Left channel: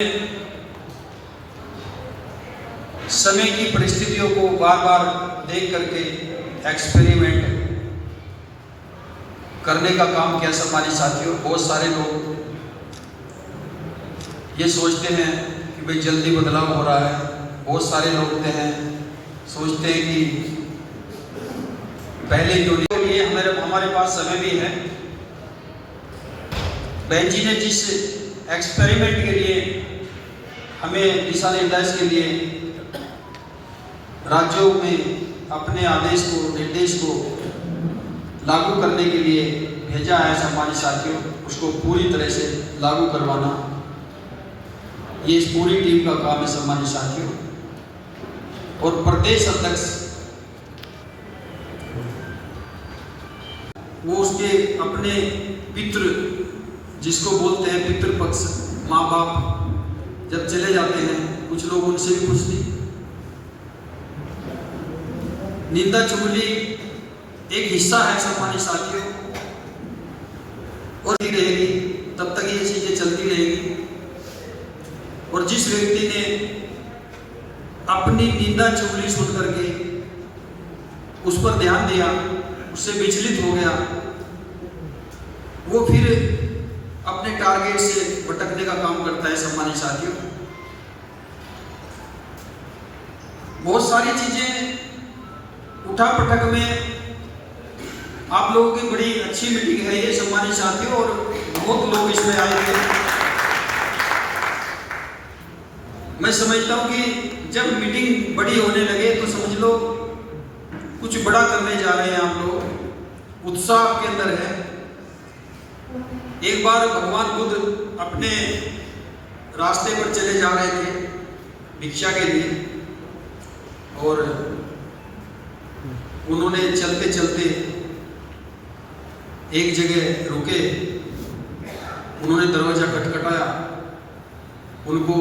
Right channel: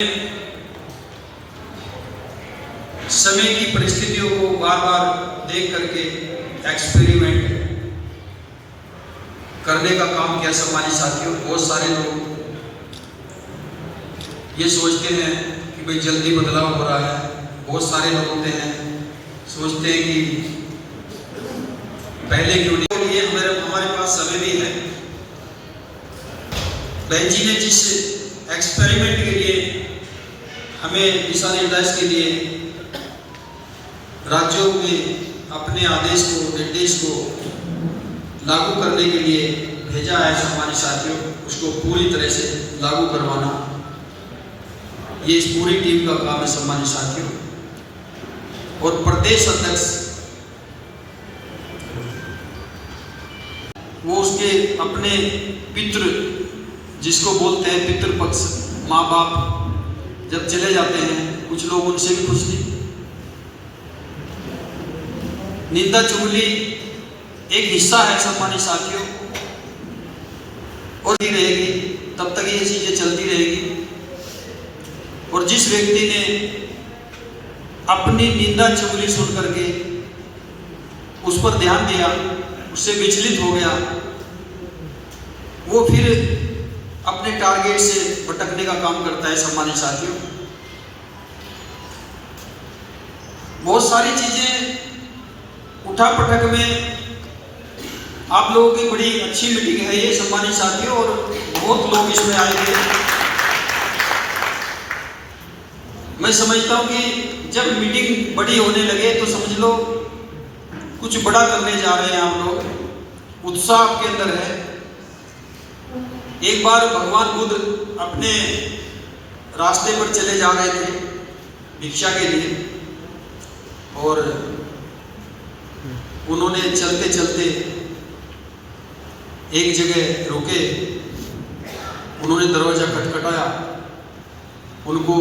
समय की परिस्थितियों को बार बार देख करके एक्सपेरिमेंट करने का काम किया हमारे साथियों। बहुत सारे लोग ये सोचते हैं कि भाई जल्दी बदलाव हो रहा है। बहुत सारे लोग होते हैं सोचते हैं कि पहले क्यों नहीं। ये हमारे पास समय भी है। बहन जी ने जिस एक्सपेरिमेंट के लिए हमें दिशा निर्देश के लिए राज्यों में अपने आदेश को निर्देश को लागू करने के लिए भेजा है हमारे साथियों, उसको पूरी तरह से लागू करवाना ये इस पूरी टीम का काम है सम्मानित साथियों। और प्रदेश अध्यक्ष वो उसके अपने पितृ जिसको बोलते हैं पितृपक्ष माँ बाप जब चले जाते हैं, कुछ लोग उनसे भी खुश नहीं। निंदा चुगली एक हिस्सा है सम्मानित साथियों, और ही रहेगी तब तक ये चीजें चलती रहेगी। और जिस व्यक्ति ने अपनी निंदा चुगली सुन करके उस पर ध्यान दिया, उससे विचलित हो गया, वो फिर अपने टारगेट से भटकने का काम करता है सम्मानित साथियों। बहुत सारी चीजें उठा पटक में आप लोगों की बड़ी अच्छी मीटिंग है ये सम्मानित साथियों, और बहुत लोग इसमें आए थे। मैं समझता हूं कि जब मीटिंग बड़ी होने लगे तो समझ लो कुछ बड़ा करने जा रहे हैं आप लोग, उत्साह आपके अंदर है। एक बार भगवान बुद्ध अपने रास्ते पर चले जा रहे थे भिक्षा के लिए, और उन्होंने चलते चलते एक जगह रुके। उन्होंने दरवाजा खटखटाया, उनको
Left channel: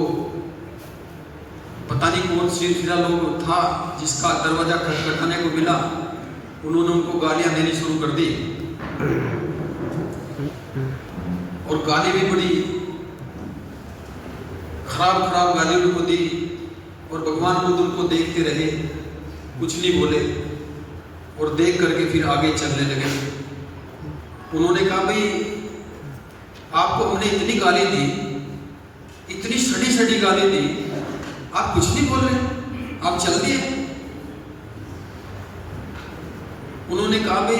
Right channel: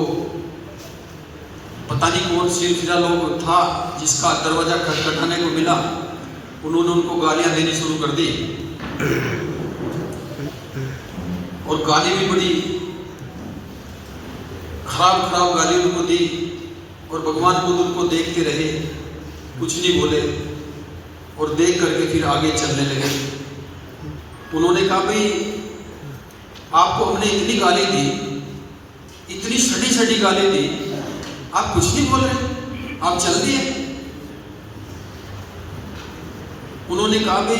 पता नहीं कौन सिरफिरा लोग था जिसका दरवाजा खटखटाने को मिला। उन्होंने उनको गालियां देनी शुरू कर दी, और गाली भी बड़ी खराब गाली उनको दी। और भगवान बुद्ध उनको देखते रहे, कुछ नहीं बोले, और देख करके फिर आगे चलने लगे। उन्होंने कहा भाई आपको हमने इतनी गाली दी, इतनी सड़ी सड़ी गाली दी, आप कुछ नहीं बोल रहे, आप चल दिए। उन्होंने कहा भाई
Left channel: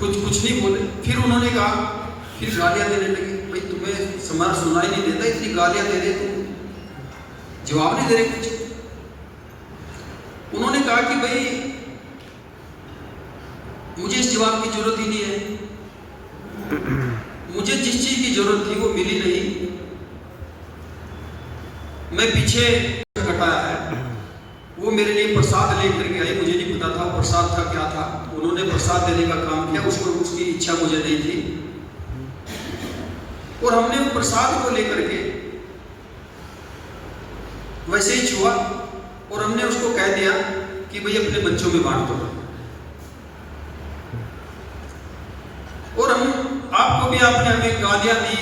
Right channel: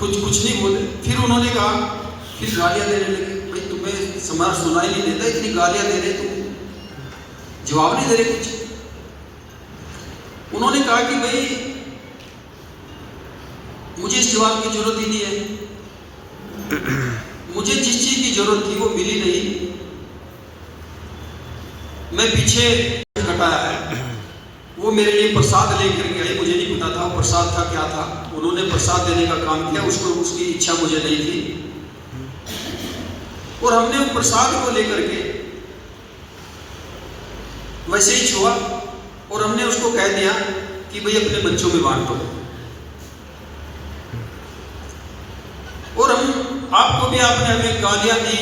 कुछ नहीं बोले। फिर उन्होंने कहा, फिर गालियां देने लगे, भाई तुम्हें समाज सुनाई नहीं देता, इतनी गालियां दे रहे, तुम जवाब नहीं दे रहे कुछ। उन्होंने कहा कि भाई मुझे इस जवाब की जरूरत ही नहीं है, मुझे जिस चीज की जरूरत थी वो मिली नहीं। मैं पीछे हटाया है, वो मेरे लिए प्रसाद लेकर के आए, मुझे नहीं पता था प्रसाद था क्या था। उन्होंने प्रसाद देने का काम किया, उसको उसकी इच्छा मुझे नहीं थी, और हमने वो प्रसाद को लेकर के वैसे ही छुआ, और हमने उसको कह दिया कि भाई अपने बच्चों में बांट दो। और हम आपको भी, आपने हमें गालियां दी,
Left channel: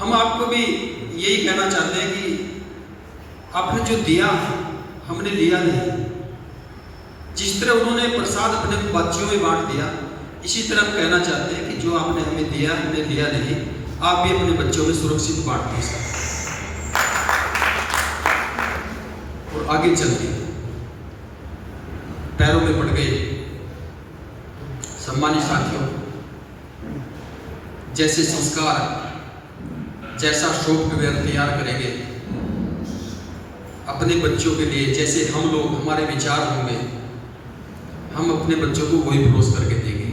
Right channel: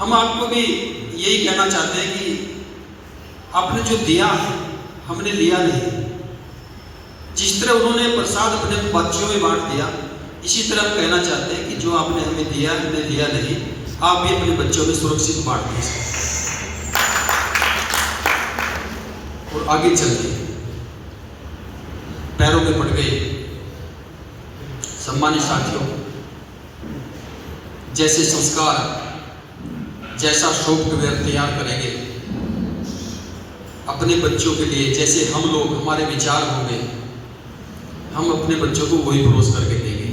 हम आपको भी यही कहना चाहते हैं कि आपने जो दिया हमने लिया नहीं। जिस तरह उन्होंने प्रसाद अपने बच्चों में बांट दिया, इसी तरह हम कहना चाहते हैं कि जो आपने हमें दिया हमने लिया नहीं, आप भी अपने बच्चों में सुरक्षित बांट दीजिए और आगे चल के पैरों में पड़ गए। सम्मानित साथियों, जैसे संस्कार, जैसा सॉफ्टवेयर तैयार करेंगे अपने बच्चों के लिए, जैसे हम लोग हमारे विचार होंगे, हम अपने बच्चों को वही परोस करके देंगे।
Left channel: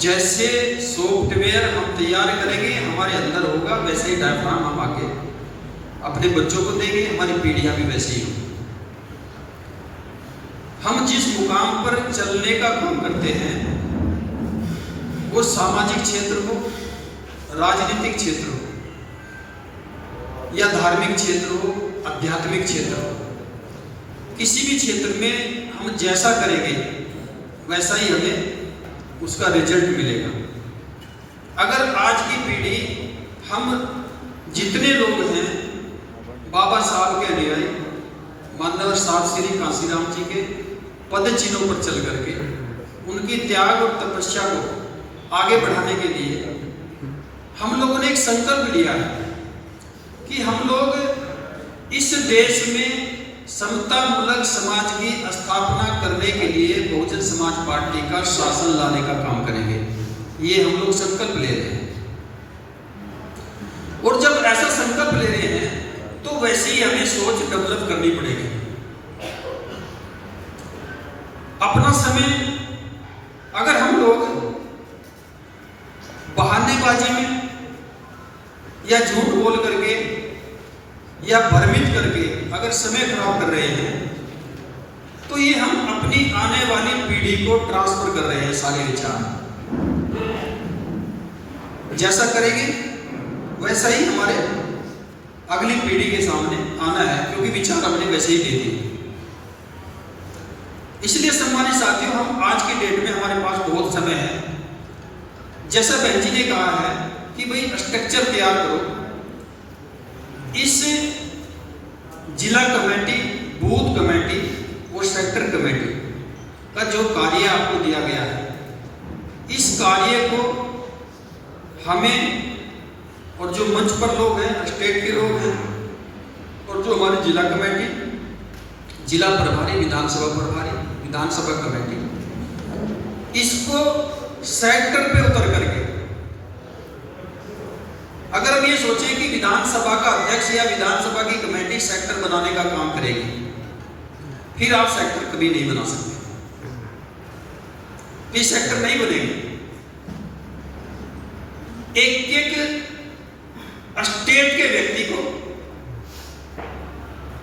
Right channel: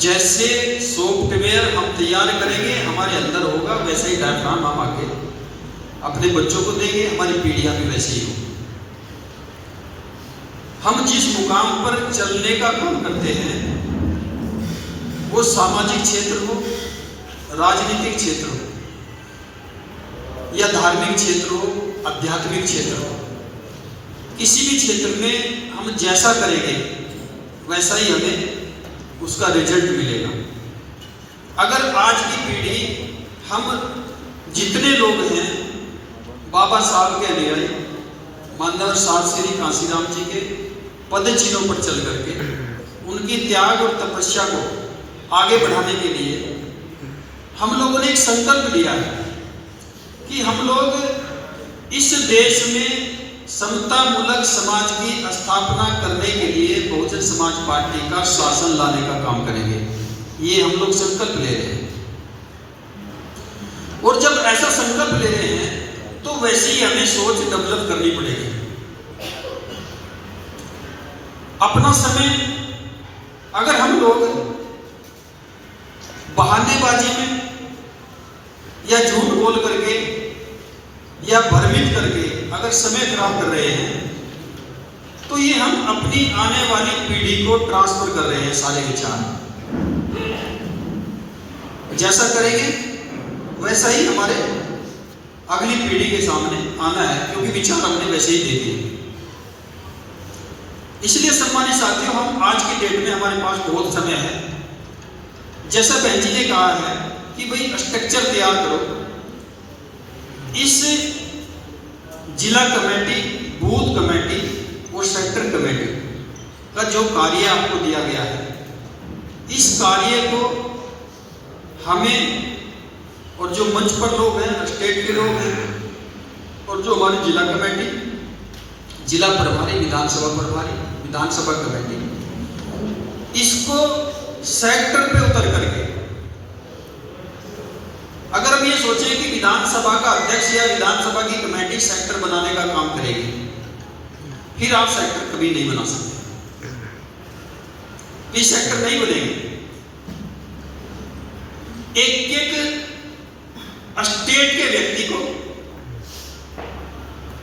जैसे सॉफ्टवेयर हम तैयार करेंगे हमारे अंदर होगा, वैसे ही डायफ्राम हम आगे अपने बच्चों को देंगे, हमारी पीढ़ियां भी वैसे ही होगी। हम जिस मुकाम पर चलने का काम करते हैं, वो सामाजिक क्षेत्र हो, राजनीतिक क्षेत्र हो, या धार्मिक क्षेत्र हो, आध्यात्मिक क्षेत्र हो, किसी भी क्षेत्र में हम जैसा करेंगे वैसा ही हमें उसका रिजल्ट मिलेगा। अगर आज की पीढ़ी, हम जितने लोग हैं, बाबा साहब के लिए मानदार साहब श्री कांसीराम जी के पद चिन्हों पर चल करके उनकी त्याग और तपस्या को आगे बढ़ाने के लिए हम लोगों ने एक संकल्प लिया है कि हम लोग इस देश में समतामूलक समाज की स्थापना करने के लिए बहुजन समाज पार्टी का शासन लाने का काम करेंगे। ये हम लोग संकल्प ले रहे हैं, और जब ऐसा संकल्प ले रहे हैं तो वैसे ही हमें सोच डेवलप करनी पड़ेगी। अपना समय अगर हम लोग बहानेबाजी में या झूठ बोल करके या भ्रमित करके अगर समय खराब कर रहे हैं, तो ये हम अपनी आने वाली पीढ़ी को ट्रांसफर कर रहे हैं सारे विचार। जैसा करेंगे वैसा ही हमारे अगली पीढ़ी के सामने आना है, क्योंकि विचार हमने वैसे ही दे दिए। इसलिए सम्मानित साथियों, हम आज की डेट में हमारे पास बहुत समय है। जैसा बहन जी ने कहा है कि भाई स्ट्रक्चर तैयार करो। इस जिला कमेटी, बूथ कमेटी और सेक्टर कमेटी का जो कार्य आपको दिया गया है, इस कार्य को हमें और जो मंच पर लोग हैं, स्टेट के लोग हैं, और जो हमारी जिला कमेटी, जिला प्रभारी, विधानसभा प्रभारी, विधानसभा कमेटी, इसको सेक्टर पे उतर करके अगर हम ये सोचें कि विधानसभा का अध्यक्ष या विधानसभा की कमेटी सेक्टर बनाने का काम करेगी, फिर आप सेक्टर कभी नहीं बना सकते। फिर सेक्टर नहीं बनेंगे। एक एक स्टेट के व्यक्ति को,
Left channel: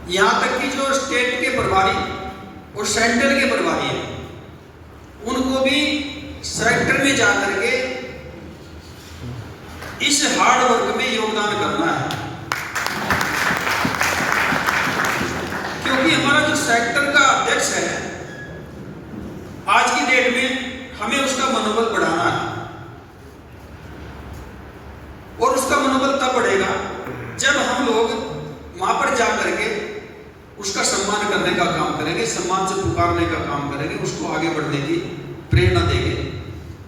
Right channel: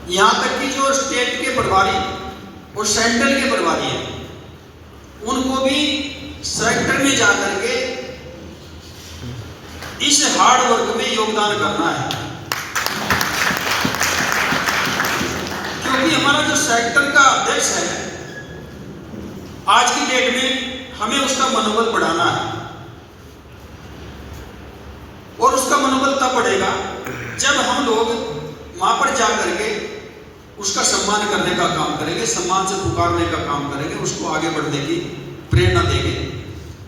यहां तक कि जो स्टेट के प्रभारी और सेंटर के प्रभारी हैं, उनको भी सेक्टर में जाकर के इस हार्ड वर्क में योगदान करना है। क्योंकि हमारा जो सेक्टर का अध्यक्ष है, आज की डेट में हमें उसका मनोबल बढ़ाना है, और उसका मनोबल तब बढ़ेगा जब हम लोग वहां पर जाकर के उसका सम्मान करने का काम करेंगे, सम्मान से पुकारने का काम करेंगे, उसको आगे बढ़ने की प्रेरणा देंगे।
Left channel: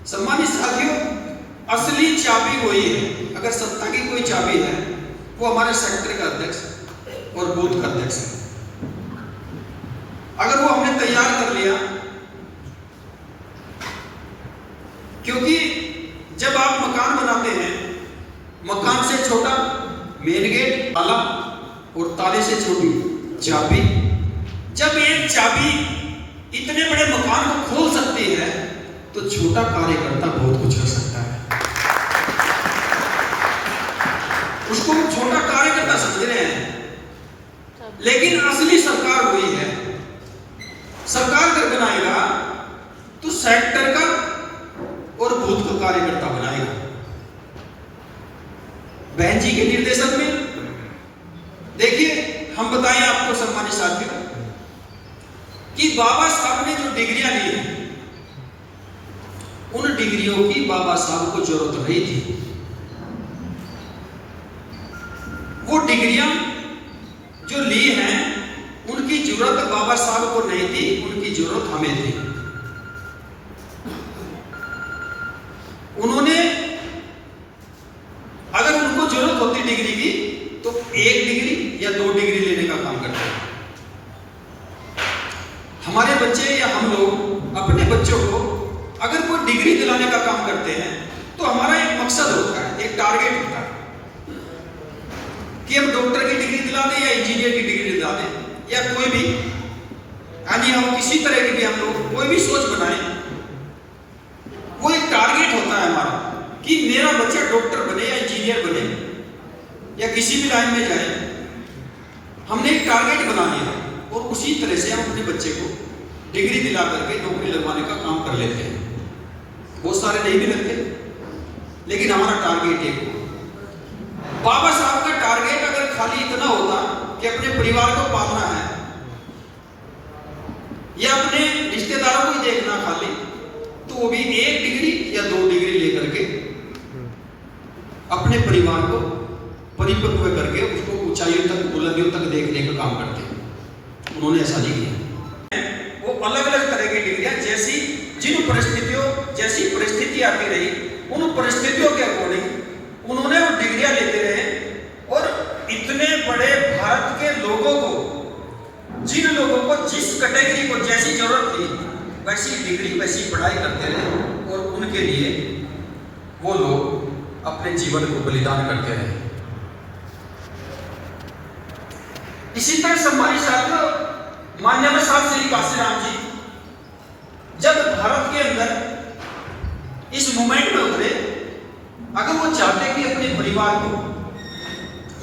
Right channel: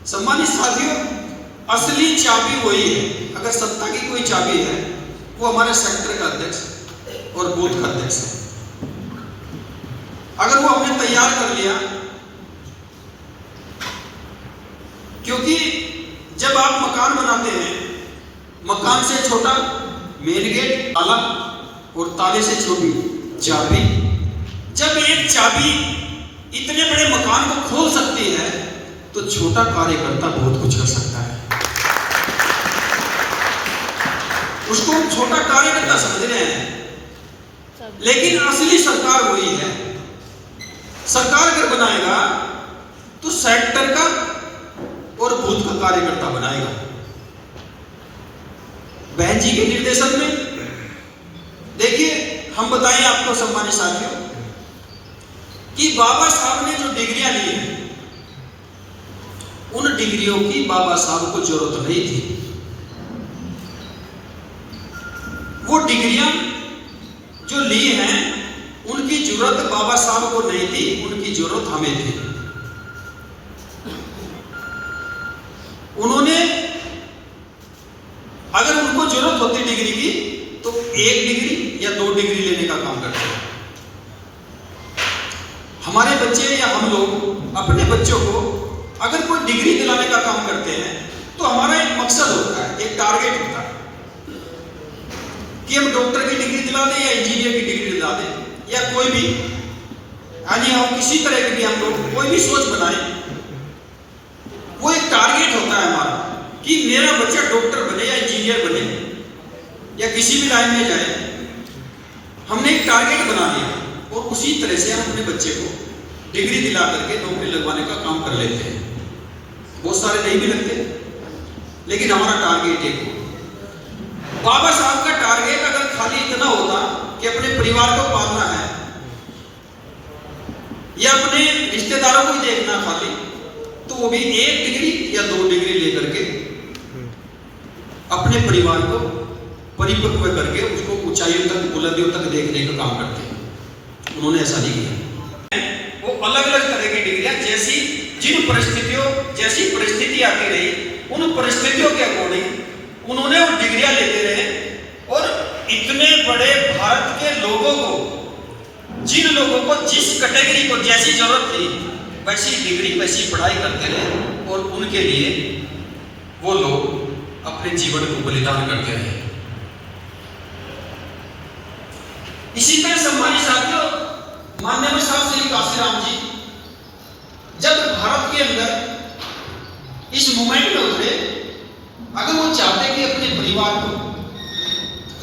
सम्मानित साथियों, असली चाबी वही है। अगर सत्ता की कोई चाबी है, वो हमारे सेक्टर का अध्यक्ष और बूथ का अध्यक्ष है। अगर वो हमने तैयार कर लिया, क्योंकि जब आप मकान बनाते हैं, मकान से छोटा मेन गेट, ताला, और ताले से छोटी चाबी। जब एक चाबी इतने बड़े मकान को खोल सकती है, तो छोटा कार्यकर्ता बहुत कुछ कर सकता है। उसको हम छोटा कार्यकर्ता समझ रहे हैं, लेकिन असली सरकार वही है। सरकार अगर बनाएगा तो सेक्टर का और बूथ का कार्यकर्ता बनाएगा। बहन जी के निर्देशन में देखिए, हम बताएं आपको सम्मानित साथियों कि बाबा साहब ने जो डिग्रियां ली हैं, उन डिग्रियों की बाबा साहब को जरूरत नहीं थी। वो डिग्रियां जो ली हैं, उनकी जरूरत बाबा साहब को नहीं थी, उनकी जरूरत हमें थी। उन्होंने, अगर उनको जरूरत होती डिग्री की, तो 1 डिग्री या 2 डिग्री लेने का काम करते हैं। हमारे बच्चे या हम लोग अपने बच्चों को अगर कोई डिग्री दिलाने का काम करते हैं, तो हमारा एक मकसद होता है, एक टारगेट होता है कि हम डॉक्टर की डिग्री दिला दें या इंजीनियर की डिग्री दिला दें, या कोई भी, यानी हम किसी तरह की भी हम लोग कोई भी सोच बनाएं, वो एक टारगेट होता है हमारा कि मेरा बच्चा डॉक्टर बने या इंजीनियर बने या किसी भी लाइन में जाए। हमने एक टारगेट बना लिया, और उसी तरह से हम अपने बच्चे को डिग्री दिला करके नौकरी लगवाने का काम कर लेते हैं। बहुत सारे नहीं भी लगते, लेकिन हमारा टारगेट एक हो। बाबा साहब का टारगेट अगर खाली इतना होता कि अपने परिवार को पालना है या अपने रिश्तेदारों को ही देखना खाली, तो वो भी 1 डिग्री या 2 डिग्री लेकर के अपने परिवार को परिपक्व करके उसको ऊंचाइयों तक, बुलंदियों तक देखने का काम करते हैं। उन्होंने ऐसा नहीं किया। वो अलग अलग तरह की डिग्रियां जैसी परिस्थिति आती रही, उन परिस्थितियों के अकॉर्डिंग उन्होंने वो डिग्रियां लेते रहे। और इतने बड़े भारत के लोगों को, जिन लोगों को जिस कैटेगरी को जैसी जरूरत थी वैसी डिग्री, वैसी पढ़ाई करते रहे, और उनके लिए वो लोग अपने जीवन को बलिदान करते रहे। इसी तरह सम्मानित साथियों, माननीय साहब श्री काशीराम जी जब भारत के अंदर इस मूवमेंट में उतरे, अगर वो चाहते कि अपने परिवार को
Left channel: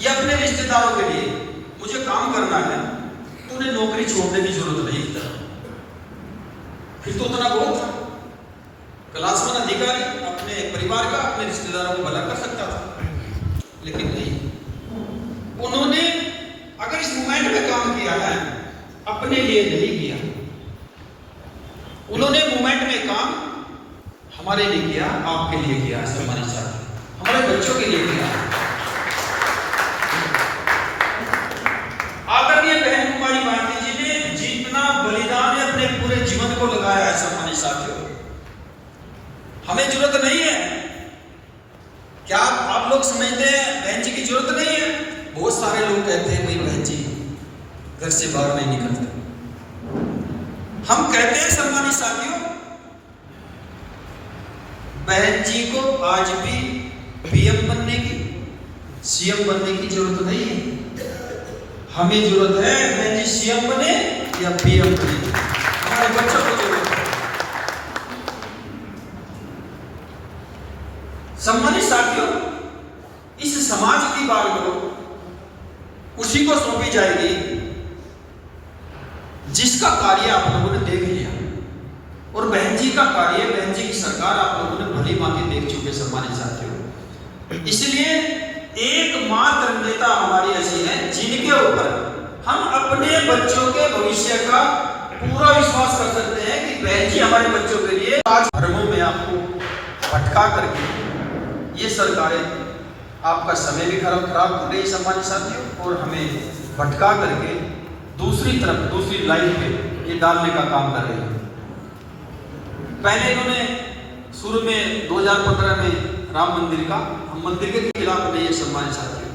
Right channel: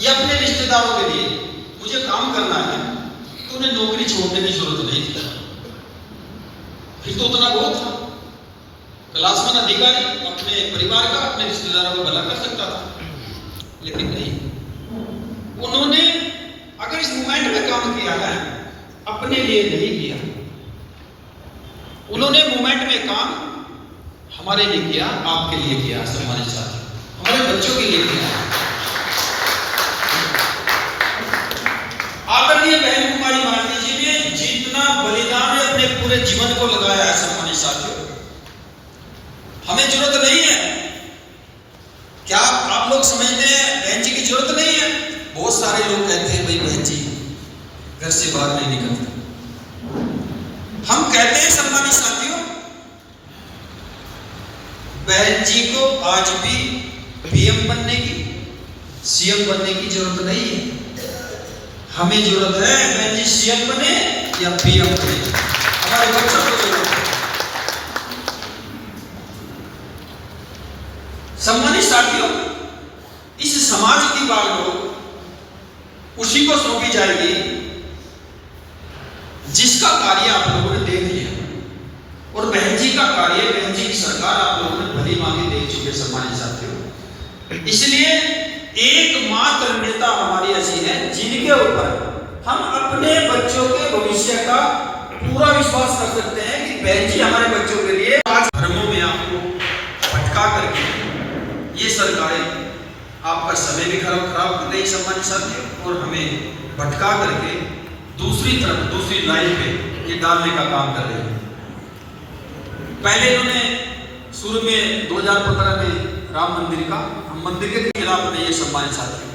या अपने रिश्तेदारों के लिए मुझे काम करना है, तो उन्हें नौकरी छोड़ने की जरूरत नहीं थी। फिर तो उतना बहुत था, क्लासमैन अधिकारी अपने परिवार का, अपने रिश्तेदारों को भला कर सकता था, लेकिन नहीं। उन्होंने अगर इस मूवमेंट में काम किया है, अपने लिए नहीं किया। उन्होंने मूवमेंट में काम हमारे लिए किया, आपके लिए किया, सम्मानित साथी, हमारे बच्चों के लिए किया। आदरणीय बहन कुमारी भारती जी ने जितना बलिदान अपने पूरे जीवन को लगाया है, सम्मानित साथियों, हमें जरूरत नहीं है। क्या आप लोग समझते हैं बहन जी की जरूरत नहीं है? बहुत सारे लोग कहते हैं भाई बहन जी घर से बाहर नहीं निकलते। हम कहते हैं सम्मानित साथियों, बहन जी को आज भी पीएम बनने की, सीएम बनने की जरूरत नहीं है। हमें जरूरत है बहन जी सीएम बने या पीएम बने, हमारे बच्चों को जरूरत है। सम्मानित साथियों, इस समाज की बात उसी को सौंपी जाएगी जिसका कार्य आप लोगों ने देख लिया, और बहन जी का कार्य, बहन जी की सरकार आप लोगों ने भली भांति देख चुके सम्मानित साथियों। इसलिए एकमात्र नेता हमारी ऐसी है जिनके ऊपर हम अपने बच्चों के भविष्य का पूरा विश्वास कर सकते हैं कि बहन जी हमारे बच्चों के लिए आज धर्मों में आपको भटका करके ये सरकारें आपका समय भी खराब कर गई सम्मानित साथियों, और हमें भटका करके दूसरी तरफ, दूसरी लाइन पे ये डालने का काम कर रही है। पहले इन्होंने शुरू में 2015 में राम मंदिर के खिलाफ नहीं है सम्मानित साथियों।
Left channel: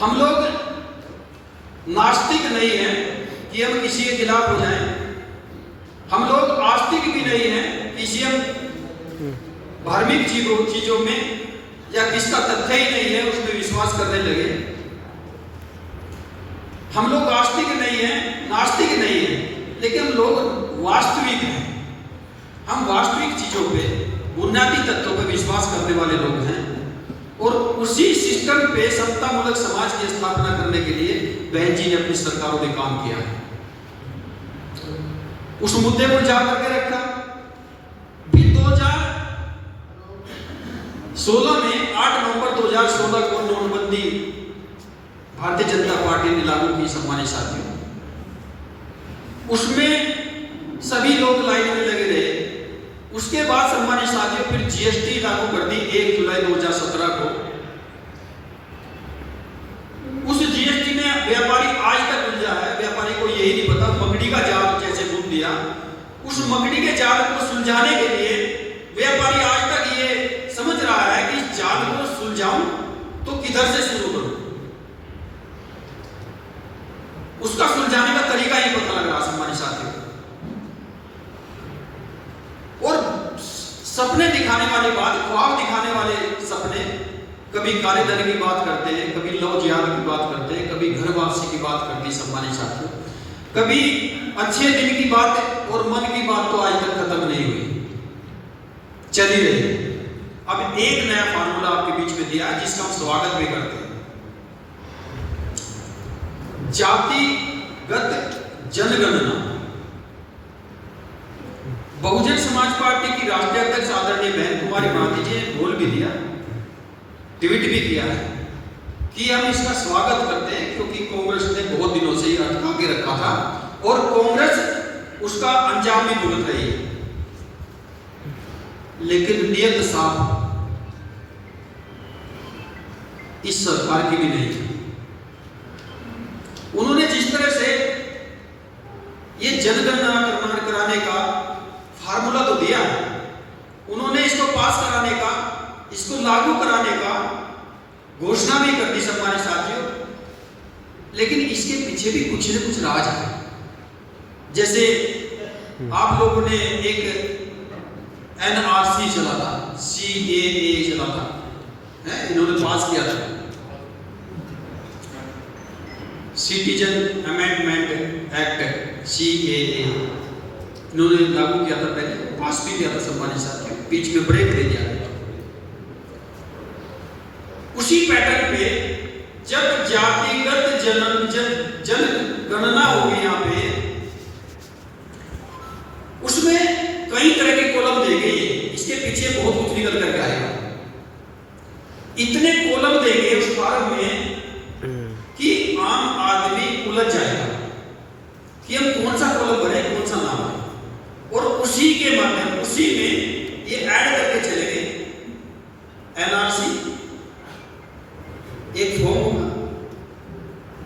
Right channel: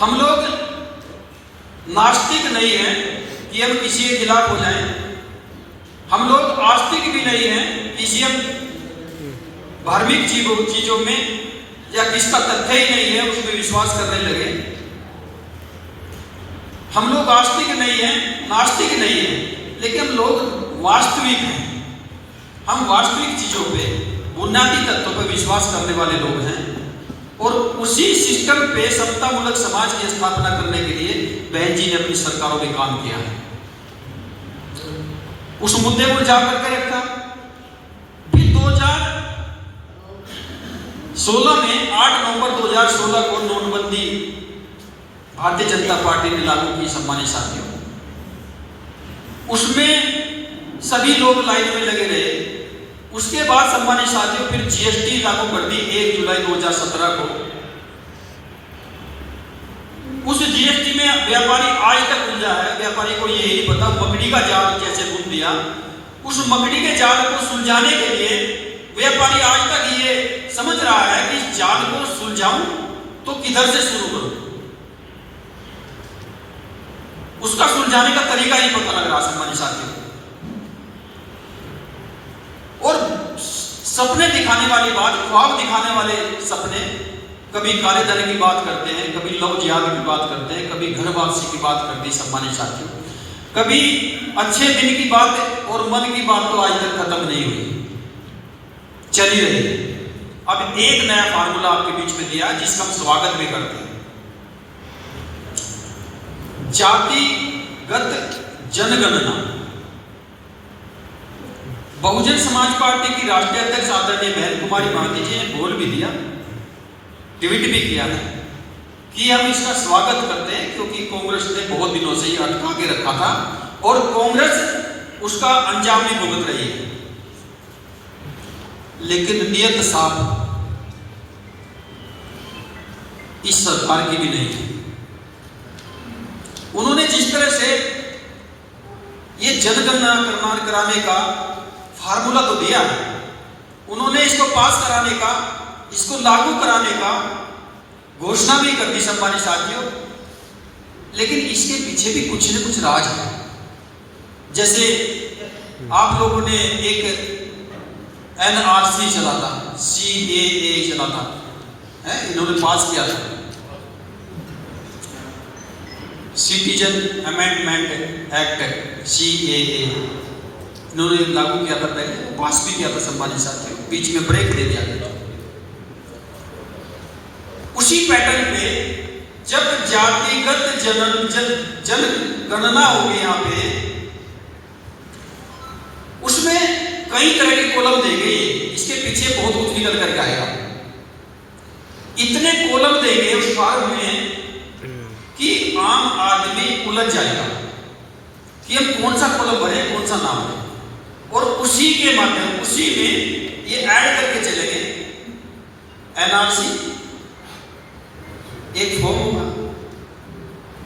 हम लोग नास्तिक नहीं हैं कि हम किसी के खिलाफ हो जाएं, हम लोग आस्तिक भी नहीं हैं किसी हम धार्मिक चीजों में या किसका तथ्य ही नहीं है उसमें विश्वास करने लगे। हम लोग आस्तिक नहीं हैं, नास्तिक नहीं हैं, लेकिन लोग वास्तविक हैं। हम वास्तविक चीजों पे, बुनियादी तत्वों पे विश्वास करने वाले लोग हैं, और उसी सिस्टम पे समतामूलक समाज की स्थापना करने के लिए बहन जी ने अपनी सरकारों में काम किया है। उस मुद्दे को जाकर के रखा। फिर 2016 में 8 नवंबर 2016 को नोटबंदी भारतीय जनता पार्टी ने लागू की सम्मानित साथियों। उसमें सभी लोग लाइन में लगे रहे। उसके बाद सम्मानित साथियों फिर जीएसटी लागू कर दी 1 जुलाई 2017 को। उस जीएसटी में व्यापारी आज तक उलझा है। व्यापारी को यही नहीं पता, मकड़ी का जाल कैसे बुन दिया। उस मकड़ी के जाल को सुलझाने के लिए व्यापारी आज तक ये समझ रहा है कि जाल को सुलझाऊं तो किधर से शुरू करूं। उसका सुलझाने का तरीका ही पता लग रहा सम्मानित साथियों। और सपने दिखाने वाली बात, ख्वाब दिखाने वाले सपने, कभी काले धन की बात करते हैं, कभी लव जिहाद की बात करते हैं, कभी घर वापसी की बात करते हैं सम्मानित साथियों, कभी अच्छे दिन की बात और मन की बात तो आज तक खत्म नहीं हुई, चली रही। अब एक नया फार्मूला आपके बीच में दिया है जिसका हम स्वागत भी करते हैं। जातिगत जनगणना। बहुजन समाज पार्टी की राष्ट्रीय अध्यक्ष आदरणीय बहन कुमारी भारती जी ने बोल भी दिया, ट्वीट भी किया है कि हम इसका स्वागत करते हैं, क्योंकि कांग्रेस ने बहुत दिनों से ये अटका के रखा था और कांग्रेस उसका अंजाम भी भुगत रही है। लेकिन नियत साफ इस सरकार की भी नहीं है। उन्होंने जिस तरह से ये जनगणना कराने का फार्मूला तो दिया है, उन्होंने इसको पास कराने का, इसको लागू कराने का घोषणा भी कर दी सम्मानित साथियों, लेकिन इसके पीछे भी कुछ न कुछ राज है। जैसे आप लोगों ने एक NRC चला था, CAA चला था, इन्होंने पास किया था, सिटीजन अमेंडमेंट एक्ट CAA, इन्होंने लागू किया था, पहले पास भी किया था सम्मानित साथियों, बीच में ब्रेक दे दिया गया। उसी पैटर्न पे जब जातिगत जनगणना होगी यहाँ पे, उसमें कई तरह के कॉलम दे गए, इसके पीछे बहुत कुछ निकल करके आएगा। इतने कॉलम देंगे उस फॉर्म में कि आम आदमी उलझ जाएगा कि हम कौन सा कॉलम भरे, कौन सा ना भरे, और उसी के माध्यम, उसी में ये ऐड करके चलेंगे। NRC एक फॉर्म होगा,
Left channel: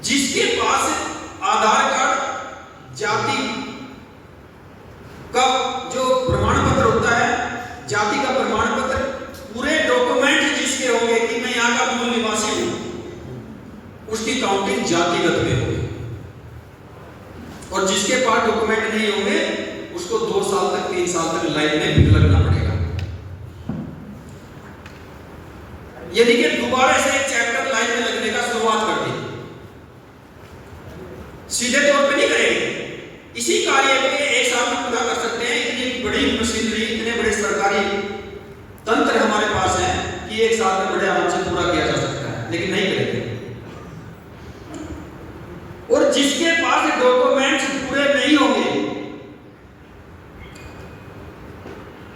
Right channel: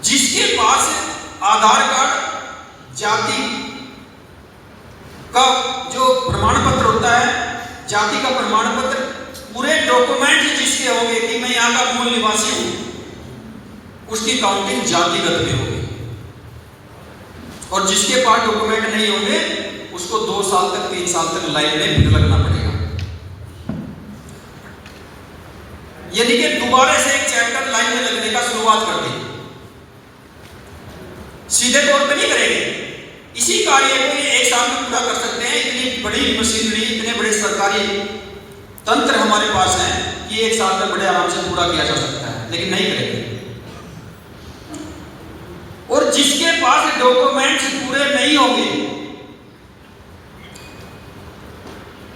जिसके पास आधार कार्ड, जाति का जो प्रमाण पत्र होता है, जाति का प्रमाण पत्र, पूरे डॉक्यूमेंट जिसके होंगे कि मैं यहाँ का मूल निवासी हूं, उसकी काउंटिंग जातिगत में होगी। और जिसके पास डॉक्यूमेंट नहीं होंगे उसको 2 साल तक 3 साल तक लाइन में भीड़ लगना पड़ेगा। यानी कि दोबारा से एक चैप्टर लाइन में लगने का शुरुआत कर दी। सीधे तौर पे नहीं करेंगे, इसी कार्य को 1 साल में पूरा कर सकते हैं। इतनी बड़ी मशीनरी, इतने बड़े सरकारी तंत्र हमारे पास है कि 1 साल में बड़े आराम से पूरा किया जा सकता है, लेकिन नहीं करेंगे। और जिसके पास डॉक्यूमेंट्स पूरे नहीं होंगे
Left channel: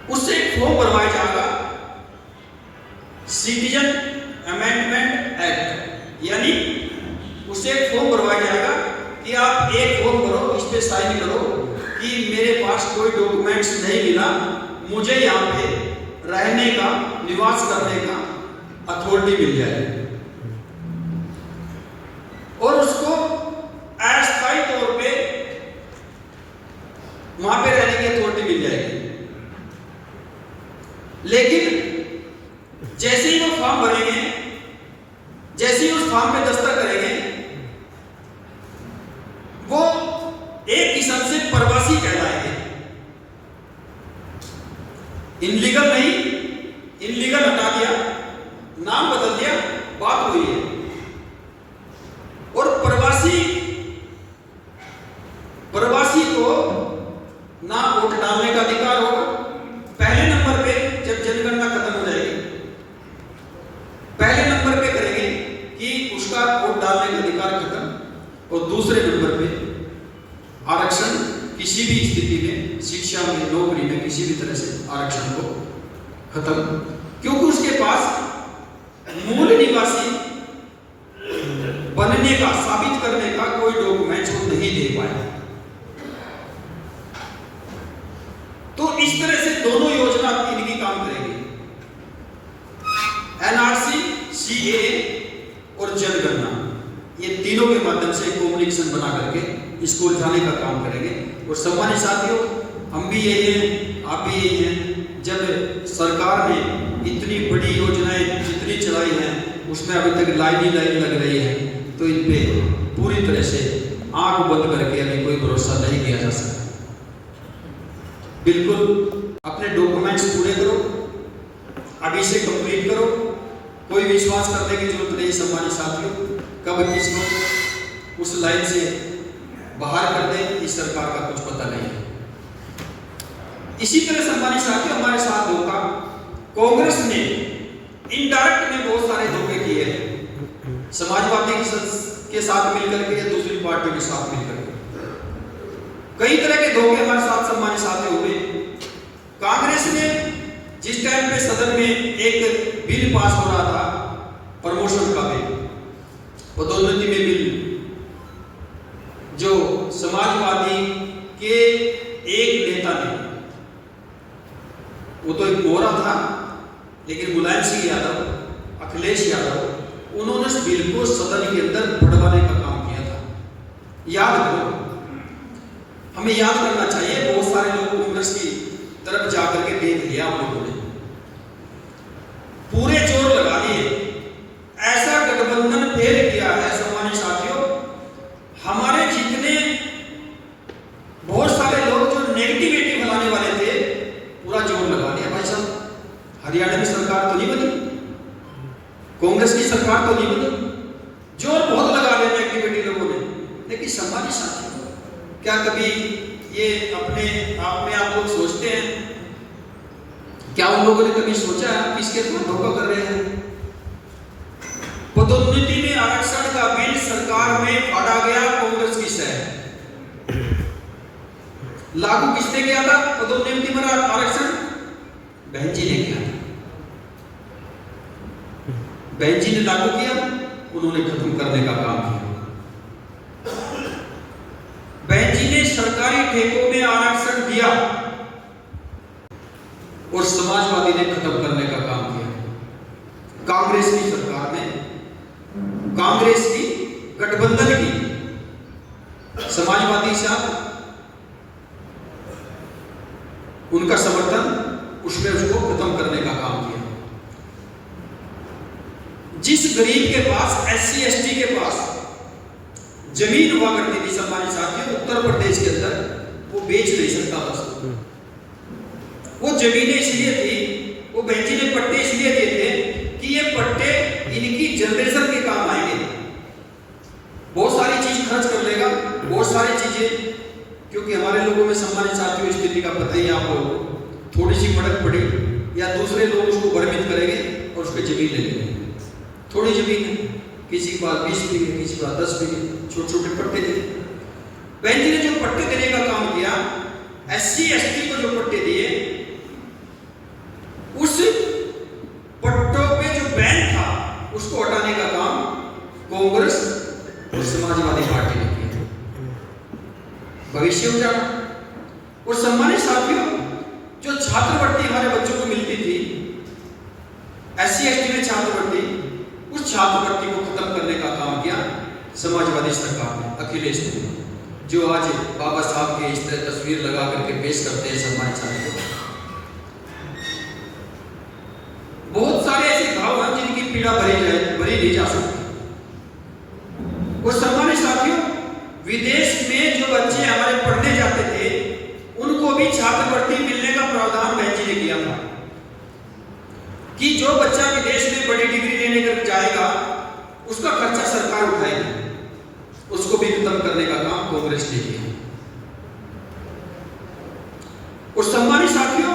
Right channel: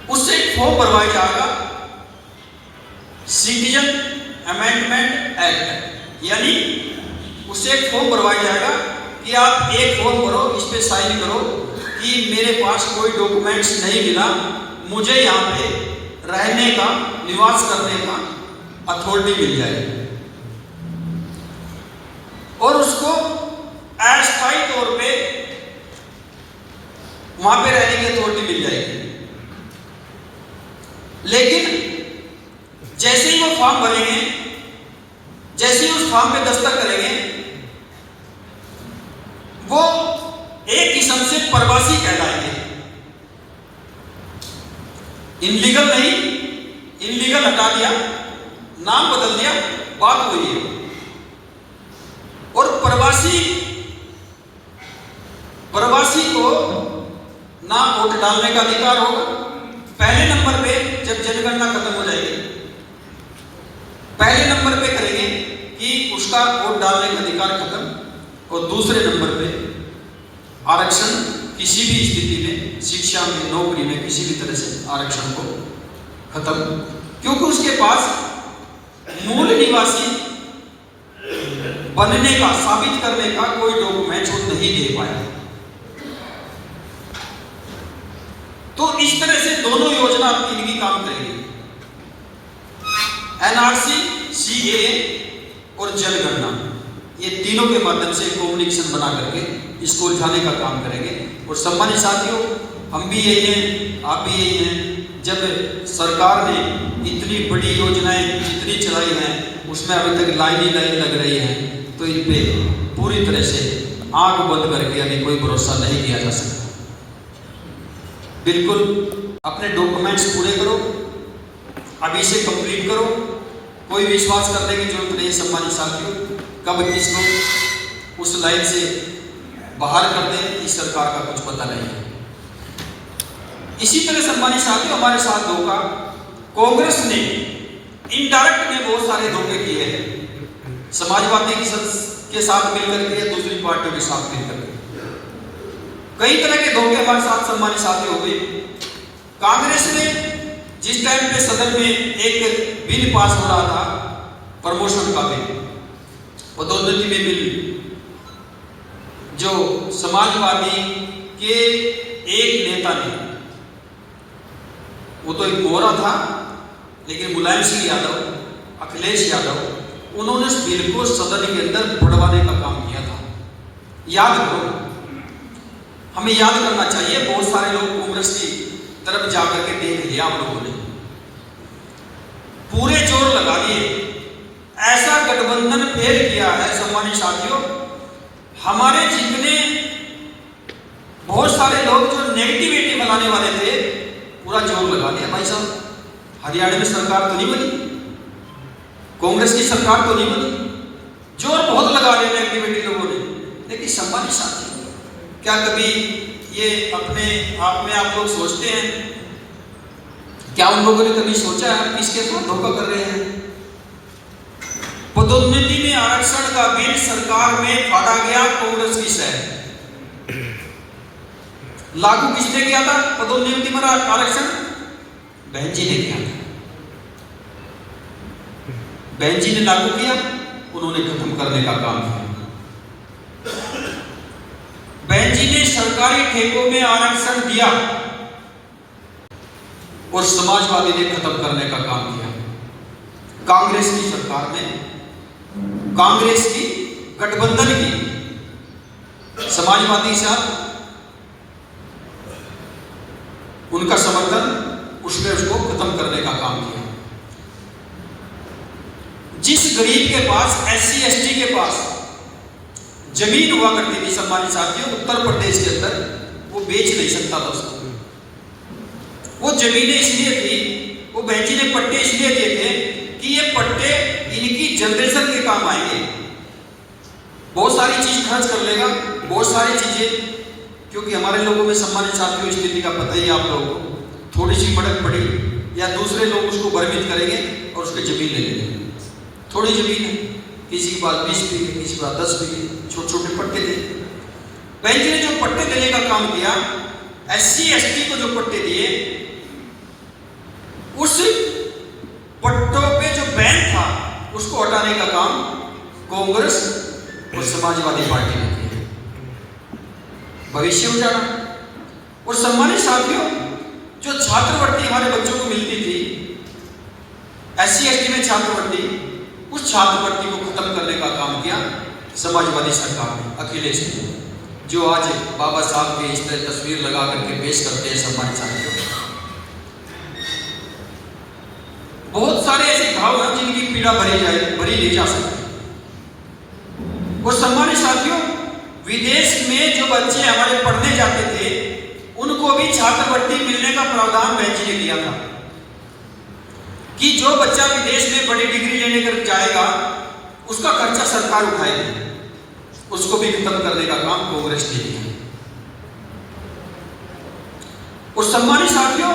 उससे फॉर्म भरवाया जाएगा, सिटीजन अमेंडमेंट एक्ट, यानी उससे एक फॉर्म भरवाया जाएगा कि आप एक फॉर्म भरो, इस पे साइन करो कि मेरे पास कोई डॉक्यूमेंट्स नहीं मिला, मुझे यहाँ पे रहने का, निवास करने का अथॉरिटी मिल जाए, और उसको अस्थायी तौर पे वहां पे रहने की अथॉरिटी मिल जाएगी। लेकिन जैसे ही वो फॉर्म भरेंगे, जैसे ही उस फॉर्म पे दस्तखत करेंगे, वो एक किस्म से प्रवासी कहलाएंगे। इनलीगल नहीं, इनलीगल हटा दिया, नाम बदल दिया, बात हुई है। और प्रवासी को ना वोट डालने का अधिकार होगा। पहले नंबर पे जब जनगणना खत्म हो जाएगी, पहले नंबर पे करेंगे कि उसका वोट डालने का अधिकार खत्म, और दूसरे नंबर पे आरक्षण, किसी भी स्थिति में, शिक्षा में, नौकरी में, किसी भी तरह से आरक्षण को खत्म, क्योंकि उसके पास मूल निवासी बनने का, साबित करने का कोई डॉक्यूमेंट वो नहीं दे पाया। तो इस तरह से दोनों योजना आपकी इनकी काम करेगी, NRC, CAA और जनगणना, ये तीनों के माध्यम से कम्युनिकेशन बना करके इसको उठाने का काम करेंगे। और सम्मानित साथियों, हम भी यही हैं, आप भी यही हैं। जब सरकार ने इतनी बड़ी योजनाएं जितनी चलाई हैं, उसमें अभी तक लाइन ही लाइन लग रही है, तो इन पे पूरी तरह से आंख बंद करके अभी कोई भरोसा नहीं किया जा सकता। बिल्कुल अपने डॉक्यूमेंट्स पूरे करो, अभी से कंप्लीट करो, कोई विश्वास करने की जरूरत नहीं। सम्मानित साथियों, कब किसको उस लाइन से बाहर कर दें इस सरकार का कुछ पता नहीं है। इसी तरह सम्मानित साथियों, हमारे साथ धोखा कांग्रेस ने इनडायरेक्ट में बहुत सारे धोखे किए हैं, समाजवादी के साथ मिलकर के या दूसरी पार्टियों के साथ मिलकर के कई तरह के धोखे हमारे साथ सम्मानित साथी हुए। कांग्रेस ने जिस टाइम पे सदन में एक बिल पास हो रहा था, प्रमोशन का बिल, पदोन्नति में बिल, जो समाजवादी के एक नेता ने, वो तो एक मोहरा था, लेकिन मुलायम सिंह यादव, अखिलेश यादव, उन्होंने इस बिल को सदन के अंदर बढ़वाने का काम किया था। याद करो, हमें याद करना चाहिए। बहुत सारे लोग कांग्रेस की तरफ जाकर के देख लिया हम लोगों ने, पूरे जोर लगा दिए, ऐसा गठबंधन फेल किया है सम्मानित साथियों। हमारे जितने बहुत सारे लोग जो नेगेटिविटी फैलाने वाले थे, पूरा जोर लगा दिया। भाई साहब, हरियाणा में सरकार तो नहीं बनी, कांग्रेस की सरकार तो नहीं बनी, जोर बहुत लगा दिया नेगेटिविटी लोगों ने। लेकिन सम्मानित साथियों, क्या कभी ये अपने आप में आप लोग सोचते हैं, क्या उन लोगों ने कभी सोचा है किसके साथ धोखा कर रहे हैं? पदोन्नति में आरक्षण का बिल सरकार में फाड़ा गया कांग्रेस की से, लागू किसने किया था? पदोन्नति में आरक्षण बहन जी ने किया था। बहन जी ने लागू किया, उन्होंने खत्म करने का काम किया। बहन जी ने सरकारी ठेकों में आरक्षण दिया और समाजवादी ने खत्म करने का काम किया। कांग्रेस की सरकार में, कांग्रेस की गठबंधन की समाजवादी साथ उनका समर्थन, उसने उसको खत्म करने का काम किया। जिस गरीब के पास, SC ST के पास जमीन हुआ करती थी सम्मानित साथियों, उत्तर प्रदेश के अंदर, वो बेच नहीं सकता था उसको। वो जमीनें इसलिए थी, वो बहन जी ने पट्टे इसलिए दिए थे कि ये पट्टे इनकी जनरेशन के काम आएंगे। बहुत सारी चीज खर्च कर लेगा, बहुत सारी चीजें, क्योंकि हमारे लोगों में सम्मानित साथियों स्थिति का पता ही आप लोगों को, थोड़ी सी मदद पड़ी या दूसरे लोग उसको भ्रमित करेंगे और उसके जमीन ले लेंगे। थोड़ी जमीन है, किसी के पास 20 बीघे, किसी के पास 10 बीघे, छोटे छोटे पट्टे थे। बहन जी ने जो पट्टे देने का काम किया, SC ST को जो पट्टे दिए, उस पट्टों पे जो बैन था उसको हटाने का काम कांग्रेस और समाजवादी पार्टी ने किया। भविष्य उजाड़ा। और सम्मानित साथियों, जो छात्रवृत्ति हमारे बच्चों को मिलती थी, SC ST में छात्रवृत्ति, उस छात्रवृत्ति को खत्म करने का काम किया समाजवादी सरकार ने, अखिलेश ने, जो आज बाबा साहब के इस तरह तस्वीर लगा करके पेश करते हैं सम्मानित साथियों। बहुत सारे ऐसे भाव हैं जिनकी पीड़ा भरी नहीं जा सकती। और सम्मानित साथियों, विदेश में जो बच्चे हमारे पढ़ने जाते थे, उनको भी छात्रवृत्ति मिलने का प्रावधान बहन जी ने किया था कि जो बच्चा विदेश में बड़ी डिग्री लेने कर जाएगा, उसका खर्चा सरकार उठाएगी। उसको भी खत्म करने का काम कांग्रेस ने किया। और सम्मानित साथियों,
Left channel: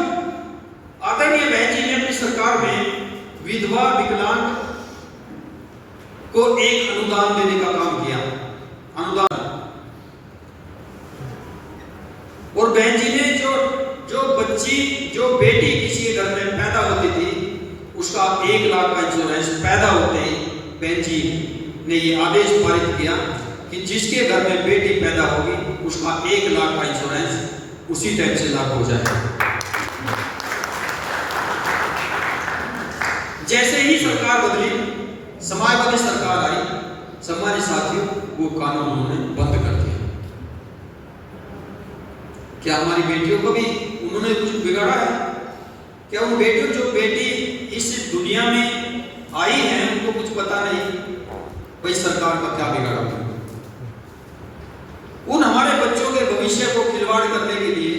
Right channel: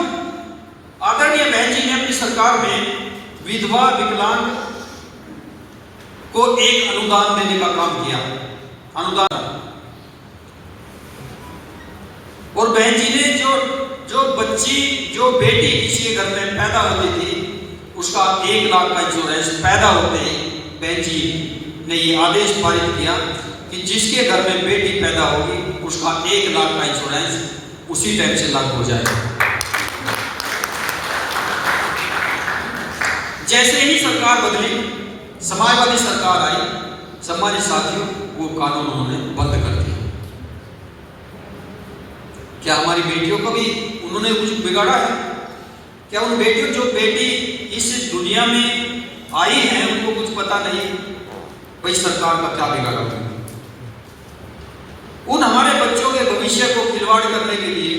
आदरणीय बहन जी ने अपनी सरकार में विधवा विकलांग को एक अनुदान देने का काम किया, अनुदान। और बहन जी ने जो बच्ची, जो बेटी किसी के घर में पैदा होती थी, उसका 1 लाख का इंश्योरेंस पैदा होते ही बहन जी ने ये आदेश पारित किया कि जिसके घर में बेटी पैदा होगी, उसका 1 लाख का इंश्योरेंस उसी टाइम से लागू हो जाएगा। जैसे ही सरकार बदली, समाजवादी सरकार आई, सम्मानित साथियों, वो कानून उन्होंने बंद कर दिया। क्या हमारी बेटियों को भी उन्होंने कुछ बिगाड़ा है? क्या उन बेटियों, जो बेटी इस दुनिया में आई है, उनको कुछ पता नहीं भाई सरकार का क्या बिगाड़ा? उन हमारे बच्चों के भविष्य को खिलवाड़ करने के लिए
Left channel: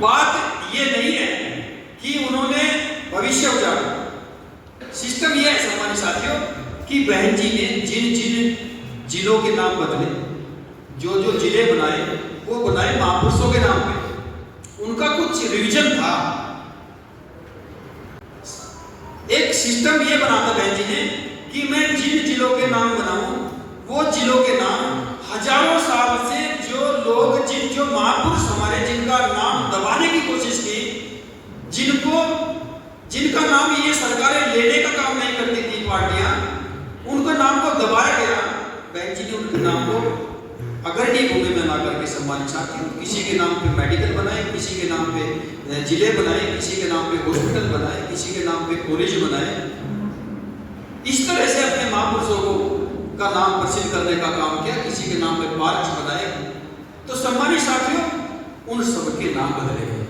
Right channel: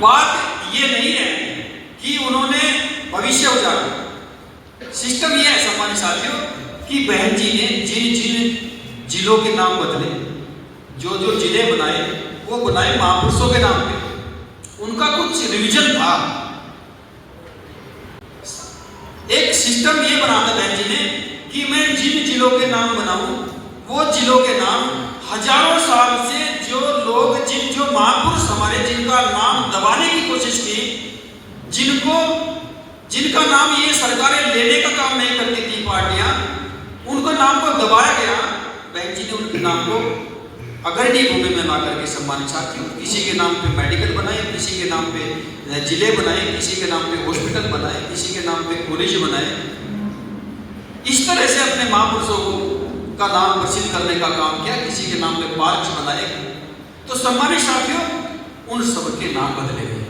बात ये नहीं है कि उन्होंने भविष्य उजाड़ा। सिस्टम ये है सम्मानित साथियों कि बहन जी ने जिन जिलों के नाम बदले, जो जिले बनाए, वो बनाए महापुरुषों के नाम पे। उनका कुछ रिवीजन था, एक सिस्टम ये बना था बहन जी ने कि मैं जिन जिलों के नाम बनाऊं, वो जिलों के नाम हजारों साल से जो लोग, जो महापुरुष हमारे, जिनका नाम दबाने की कोशिश की, जिनका नाम ये सरकारें लेने का काम नहीं करती थी पार्टियां, उनका नाम को दबाया गया। बहन जी ने उनके नाम को अग्रणी भूमि में ला करके सम्मानित साथियों, किसी के नाम पे मेडिकल बनाए, किसी के नाम पे जिले बनाए, किसी के नाम पे हॉस्पिटल बनाए, किसी के नाम पे कॉलेज बनाए। इस तरह से अपने महापुरुषों का नाम प्रसिद्ध करने का काम किया, किसी के नाम पे पार्क बनाए। तो सम्मानित साथियों, उन सबके नाम बदले गए।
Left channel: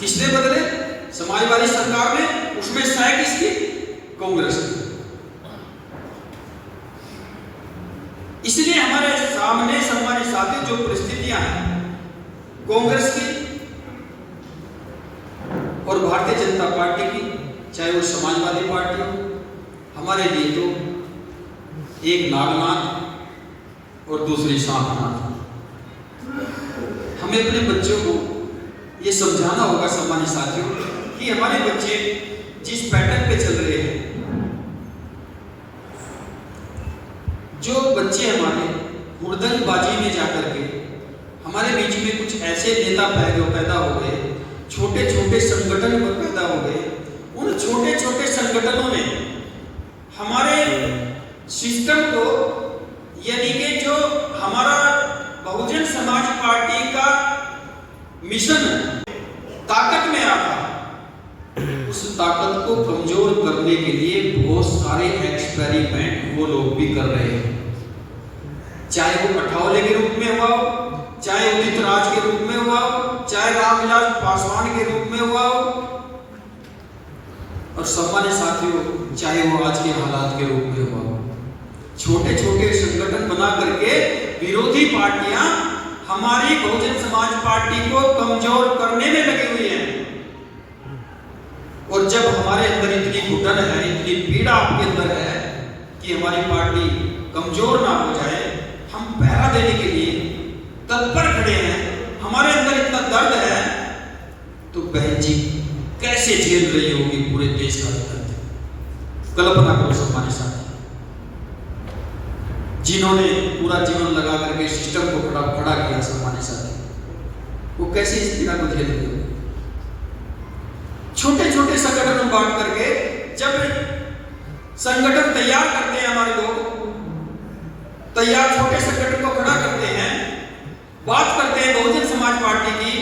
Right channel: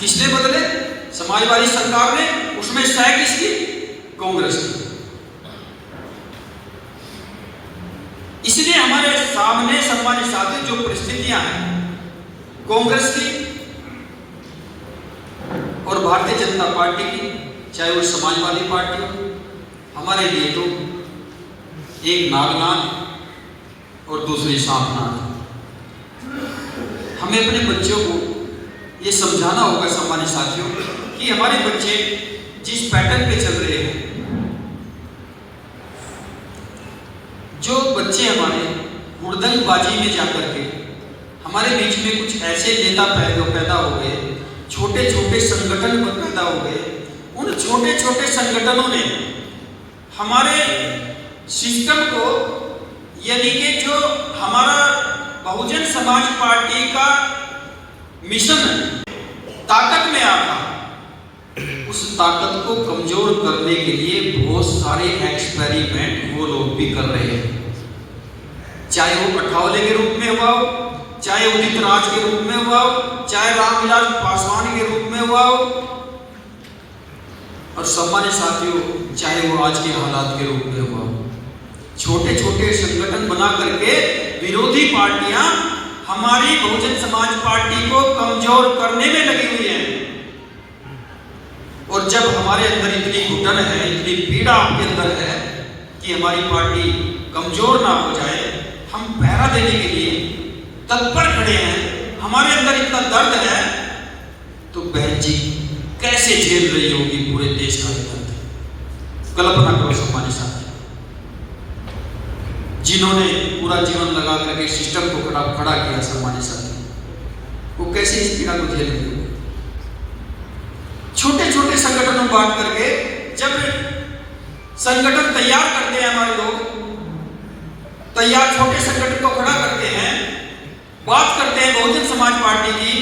किसने बदले? समाजवादी सरकार ने। उसमें सह किसकी? कांग्रेस की। इसलिए हमारे सामने सम्मानित साथी जो परिस्थितियां हैं कांग्रेस की और भारतीय जनता पार्टी की, चाहे वो समाजवादी पार्टी हो, हमारे लिए तो एक नागनाग और दूसरी सांपनाग। हमें अपने बच्चों को ये समझाना होगा सम्मानित साथियों कि हमारे बच्चे जिस पैटर्न पे चल रहे हैं, जो बच्चे हमारे हुड़दंगबाजी में जाकर के हमारे बीच में कुछ ऐसे नेता पैदा हो गए, छोटे छोटे संगठन पैदा हो गए। उन छोटे छोटे संगठनों ने हमारे सिस्टम को, यानी कि जो हमारा बहुजन समाज पार्टी का मिशन ताकत में आता, उस ताकत को कमजोर करने के लिए बहुत सारे एक्सपेरिमेंट वो लोग भी कर रहे हैं। चाहे वो अठावले के रूप में हुआ हो, चाहे उदित राज के रूप में हुआ हो, चाहे रामविलास पासवान के रूप में हुआ हो, और सम्मानित साथियों चाहे वो आज के हालात के रूप में हुआ हो। छोटे छोटे संगठन बना करके विरोधी पार्टियां हमारी बहुजन समाज पार्टी को कमजोर करने में लगी हुई है। और जब हमारे अंदर इतनी घुटन है, इतनी पीड़ा आपके अंदर है कि हमारी पार्टी कमजोर ना हो जाए, हम पहरा देने के लिए तत्पर खड़े हैं, हमारे अंदर इतना दर्द है, तो बहन जी कैसे झेल रही होगी पूरे देश का दर्द। कल्पना करो सम्मानित साथी, जिन्होंने पूरा जीवन लगा करके सिस्टम को खड़ा किया, सम्मानित साथी, वो कैसे इस पीड़ा को झेल रही होगी। छोटे छोटे संगठन में बांट करके जब संगठन तैयार करते हैं, हमारे लोग तैयार छोटे संगठन को खड़ा करते हैं, बात करते हैं बहुजन समाज पार्टी की,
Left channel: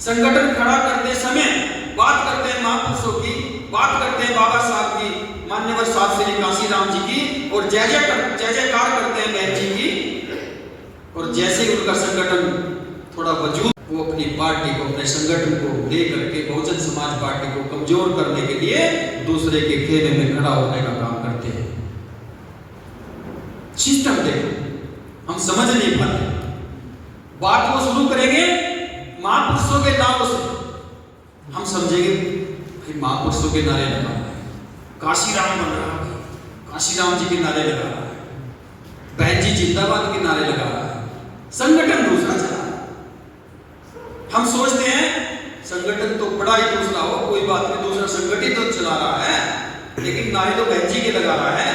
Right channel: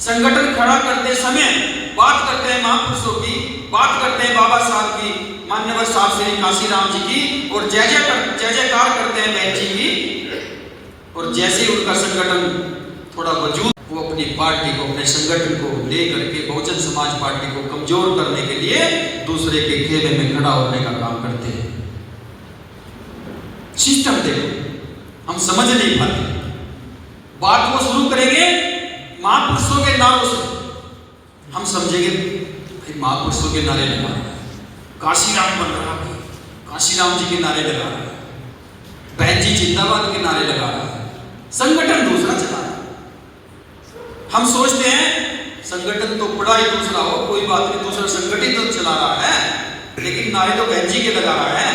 संगठन खड़ा करते समय बात करते हैं महापुरुषों की, बात करते हैं बाबा साहब की, माननीय साहब श्री काशीराम जी की, और जय जयकार करते हैं बहन जी की। और जैसे उनका संगठन थोड़ा वजूद, वो अपनी पार्टी को, अपने संगठन को लेकर के बहुजन समाज पार्टी को कमजोर करने के लिए दूसरे के खेमे में खड़ा होने का काम करते हैं। सिस्टम देखो, हम समझ नहीं पाते। बात वो शुरू करेंगे महापुरुषों के नारों से, हम समझेंगे कि महापुरुषों के नारे लगा, काशीराम बन रहा है, काशीराम जी के नारे लगा, बहन जी जिंदाबाद के नारे लगा, संगठन दूसरा चला। हम सोचते हैं संगठन तो बड़ा ही दूसरा हो, कोई बात नहीं, दूसरा संगठन तो चला रहा है, लेकिन नारे तो बहन जी के लगा रहा है।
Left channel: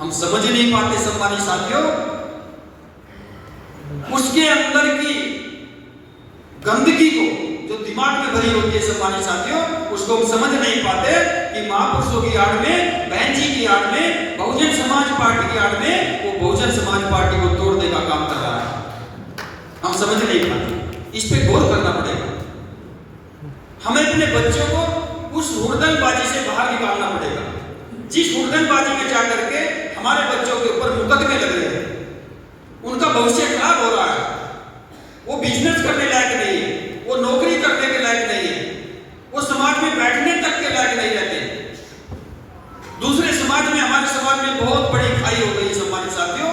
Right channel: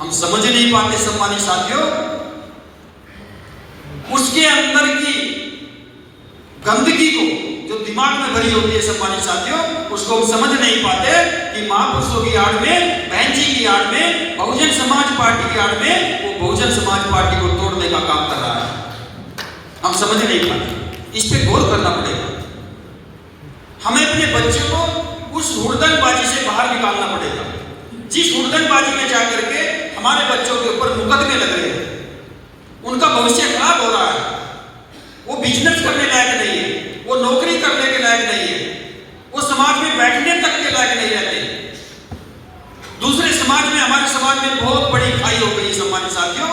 हम समझ नहीं पाते सम्मानित साथियों, उसके अंदर की गंदगी को जो दिमाग में भरी होती है सम्मानित साथियों, उसको हम समझ नहीं पाते कि महापुरुषों की आड़ में, बहन जी की आड़ में, बहुजन समाज पार्टी की आड़ में वो बहुजन समाज पार्टी को तोड़ने का काम कर रहा है। हम समझ नहीं पाते, इस पे गौर करना पड़ेगा। हमें अपने बच्चों को उस हुड़दंगबाजी से बाहर निकालना पड़ेगा, जिस हुड़दंगबाजी में जाकर के हमारे बच्चों के ऊपर मुकदमे लग रहे हैं, उनका भविष्य खराब हो रहा है, वो बिजनेस करने लायक नहीं है, वो नौकरी करने के लायक नहीं है, वो समाज में बैठने तक के लायक नहीं रहते। दूसरे समाज में, हमारे समाज में बहुत बड़ी खाई हो गई सम्मानित साथियों।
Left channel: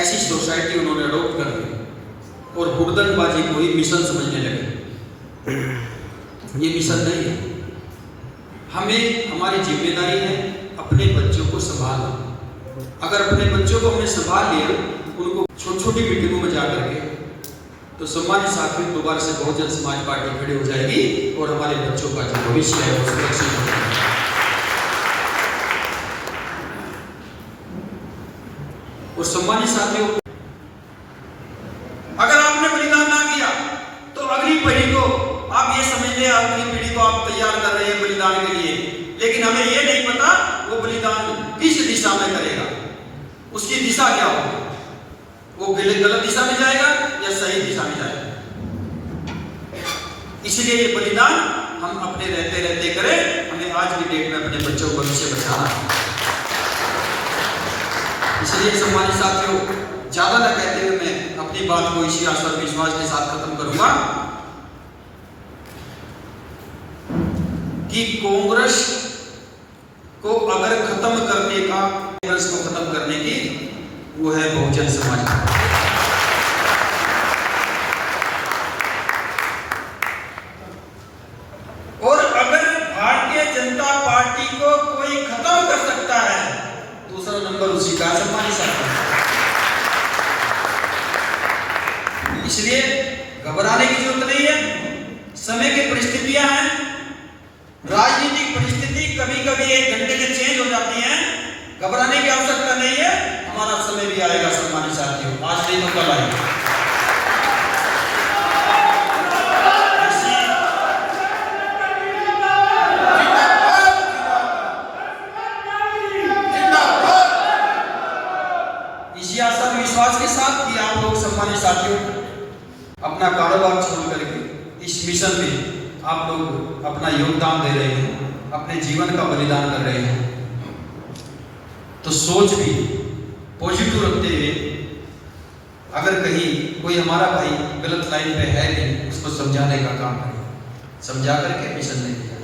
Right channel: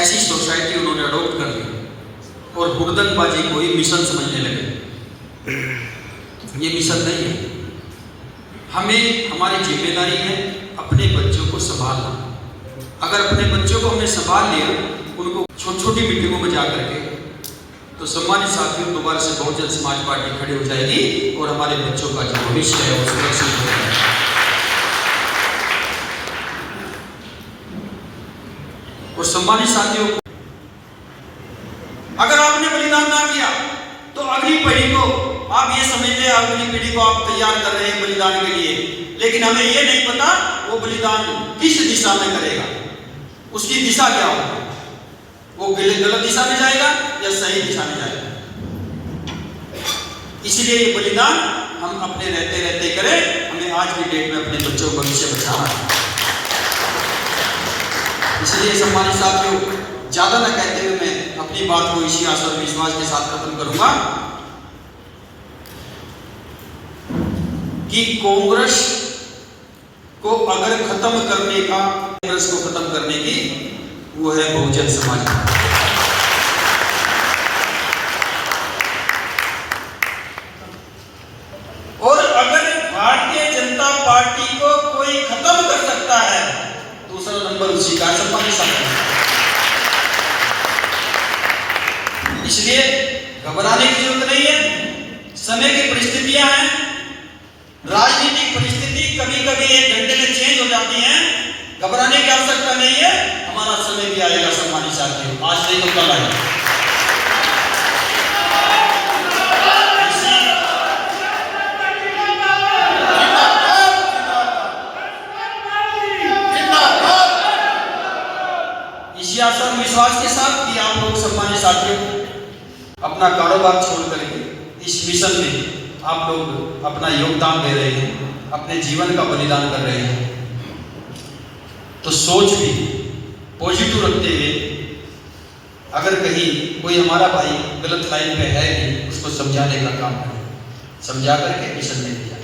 ऐसी सोसाइटी उन्होंने अडॉप्ट कर ली और हुड़दंगबाजी को ही मिशन समझने लगे। ये मिशन नहीं है। हमें, हमारी जिम्मेदारी है अपने बच्चों को संभालना। अगर अपने बच्चों को हमने संभाल लिया, उनको छोटी छोटी मीटिंगों में जाकर के, तो सम्मानित साथियों दोबारा से बहुजन समाज पार्टी खड़ी हो जाएगी और हमारे बच्चों का जो भविष्य है वो सुरक्षित हो जाएगा। और सम्मानित साथियों, अगर आपने बलिदान ना किया तो अगली पीढ़ी को आप ये समझ ले, अगली पीढ़ी को आप तैयार कर रहे हैं बलिदान के लिए, लेकिन हमें ये नहीं पता वो बलिदान किस दिशा में करेगा, उसकी दिशा क्या होगी, वो गलत दिशा में जाएगा या सही दिशा में जाएगा। इसलिए ये बलिदान हम अपने रहते रहते करें। हमें आज की डेट में अपने बच्चों को भविष्य बचाना। इसलिए सम्मानित साथियों, ज्यादा न कहते हुए मैं अपनी बात को इसी आशा और विश्वास के साथ खत्म करूंगा कि कांग्रेस को अगर खत्म करने का, कांग्रेस को खत्म करने की वो है बहुजन समाज। और अगर भारतीय जनता पार्टी को कोई खत्म कर सकता है, दूसरा नंबर उसी का सम्मानित साथियों। इसलिए घबराने की जरूरत नहीं है। समय की परिस्थितियां हैं, राजनीतिक परिस्थिति कभी कभी 1 घंटे में चेंज हो जाती है। घबराने की आवश्यकता नहीं है। हमारा समय भी आएगा सम्मानित साथियों, आज नहीं तो कल आएगा। इसी आशा और विश्वास के साथ कि आप लोग सम्मानित साथियों अपना कारोबार छोड़ करके इस मिशन में आप लोग अपना योगदान दे रहे हैं, अपने जीवन का बलिदान कर रहे हैं, तो सोच भी पॉजिटिव रखते हुए अगर कहीं कोई हमारा भाई गलत लाइन पे है नहीं, उसको समझाने का काम करें, समझा करके मिशन में दिया।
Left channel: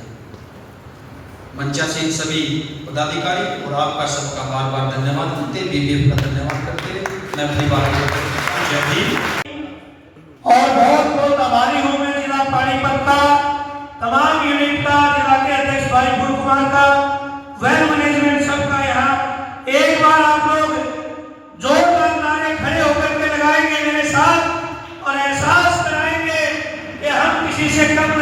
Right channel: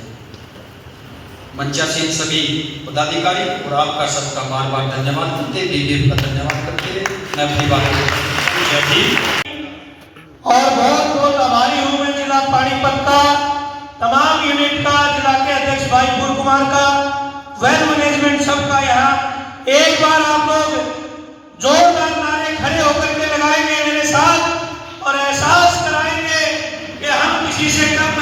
मंचासीन सभी पदाधिकारी और आपका सबका बार बार धन्यवाद करते, दीदी का धन्यवाद करते मैं अपनी बात और बहुत बहुत आभारी हूँ मैं जिला पानीपत का, तमाम यूनिट का, जिला के अध्यक्ष भाई भूल कुमार का, वेल मैनेजमेंट सबका। यहाँ एक बार आप लोग जोरदार नारे खड़े होकर के लगाएंगे मेरे साथ और एहसास कराएंगे कि हम किसी से कम